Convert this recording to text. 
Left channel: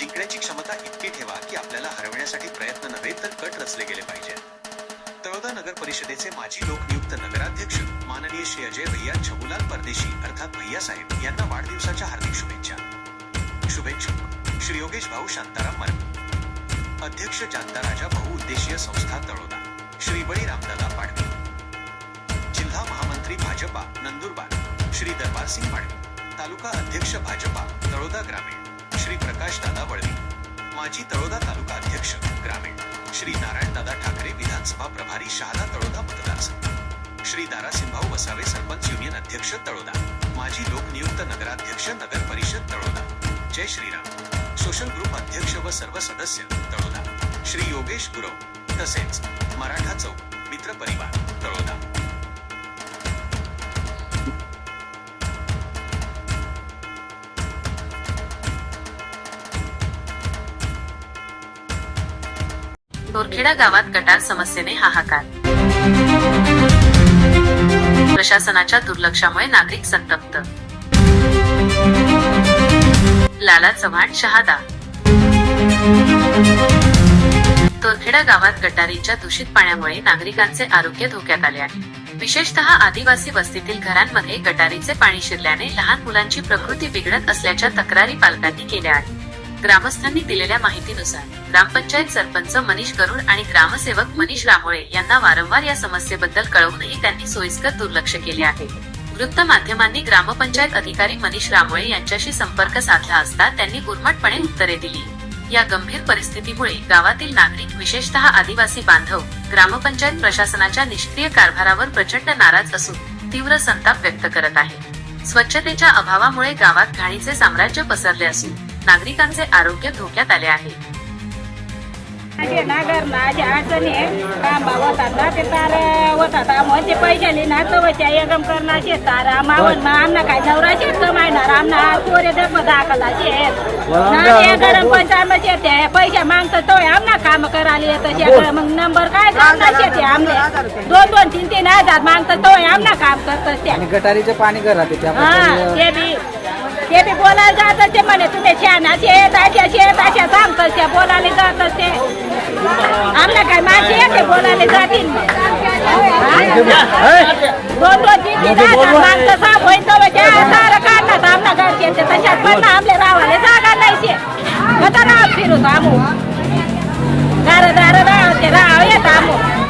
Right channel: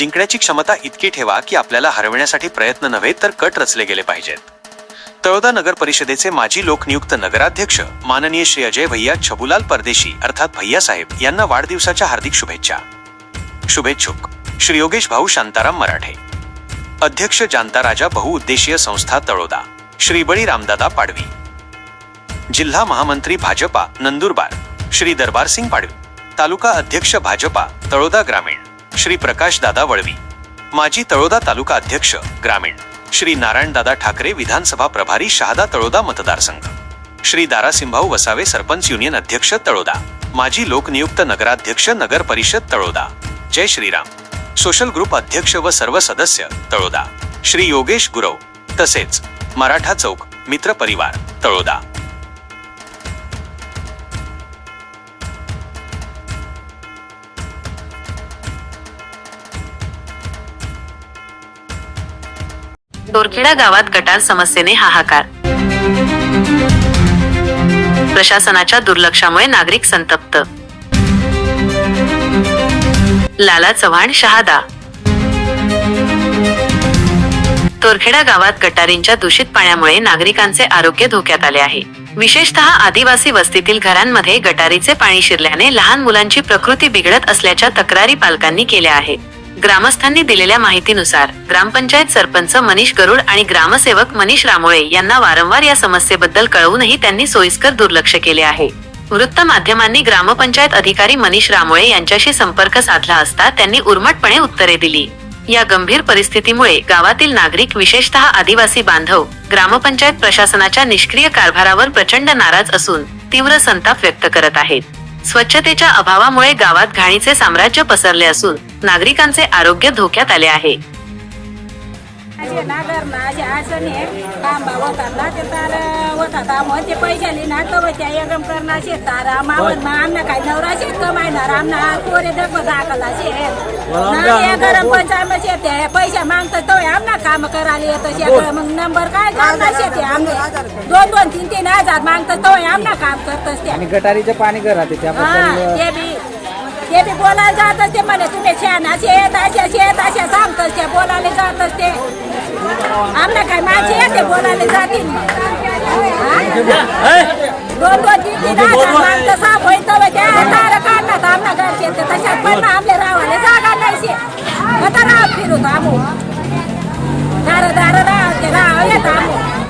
जिंकण्याची क्षमता इतकी ठेवा की आपल्याला हरवण्यासाठी प्रयत्न नव्हे तर कट रचले गेले पाहिजेत. तळोदा नगर परिषदेचे माजी लोकनियुक्त नगराध्यक्ष माननीय श्री अजय भैया छबुलाल परदेशी अर्थात भैया साहेब यांना वाढदिवसाच्या हार्दिक शुभेच्छा. शुभेच्छुक श्री योगेश भाऊ शांताराम मराठे. अध्यक्ष जानता राजा बहुउद्देशीय संस्था तळोदा श्री बळी रामदादा पाडवी. जिल्हा महामंत्री भाजपा नंदुरबार श्री दरबार सिंग पाडवी. तालुका अध्यक्ष भाजपा तळोदा ग्रामीण. श्री प्रकाश दादा वळवी. माजी तळोदा तालुका अध्यक्ष ग्रामीण. श्री नारायणदादा ठाकरे विधानसभा प्रभारी शहादा तळोदा मतदारसंघ. श्री दारासिंभाऊ वसावे सरपंच युनियन अध्यक्ष तळोदा. माजी लोकनियुक्त नगराध्यक्ष नगर परिषद तळोदा. जय श्रीराम. सोशल ग्रुप अध्यक्ष व सर्व सदस्य तळोदा. श्री योगेश गुरव. तसेच मराठा चौक मित्र परिवार तळोदा. दोरखेडा गावात गटार समस्येने हाहाकार. प्रशासनाच्या दुर्लक्षामुळे नागरिक संतप्त. लाला चव्हाण शहादा. तोरखेडा गावात गटारींच्या दूषित पाण्यामुळे नागरिकांचे आरोग्य धोक्यात आले आहे. विशेषतः आदिवासी वस्तीतील घरांमध्ये गटारीचे पाणी शिरल्याने लहान मुलांची प्रकृती बिघडत असल्याच्या तक्रारी पालकांनी केल्या आहेत. ग्रामस्थांनी दिलेल्या माहितीनुसार ग्रामपंचायत सरपंच मनीष गरुड आणि ग्रामसेवक मनीष रामोळे यांना वारंवार या समस्येबद्दल कळवूनही त्यांनी सोयीस्कर दुर्लक्ष केले आहे. वृत्त माध्यमांनी ग्रामपंचायत अधिकारी मनीष रामोळे यांच्याशी संपर्क साधला असता त्यांनी उर्मटपणे उत्तरे दिली. या गंभीर परिस्थितीमुळे गावातील नागरिक विशेषतः आदिवासी बांधव ग्रामपंचायत प्रशासनाच्या निष्क्रिय कारभारावर प्रचंड नाराज असून तीव्र संताप व्यक्त करत आहेत. स्वच्छतेच्या अभावामुळे गावात घाणीचे साम्राज्य पसरले असून नागरिकांचे आरोग्य धोक्यात आले आहे. नागर ना असे अडचणी कांबा होतात ना ते तार होतात मग ते पैशाली ना तर त्या एकदम करणार शेत तार. मावण मग आमना काय नवरा शेत कमायणार आमना पोरे डब दाखला शेत ना ते गरम पंचायत शेत आहे पैसे मागतात तो आमना काम करायला येतं शेत मग नंबर काय करणार शेत आहे आमने? दोन दोन तीन तीन हजार मागतात तो आमना काम करतच त्या. आणि गटारीचे पाणी घरात हा ते बी. ते बी बोलायला जात असते म्हणे तुम्ही छान असे येत असे शेत असे सांगतात ते बोलायला जात असते आमना काय माझे येते बोलायला जातील मग. हा? दोन दोन तीन तीन हजार माणसं साफ होईल तर त्या तार काढणार आमना घरचे ते तशात पण आमले रावाले जागा नाही शे आता राव फिरू आमू दार दार राव ते राव येत आमू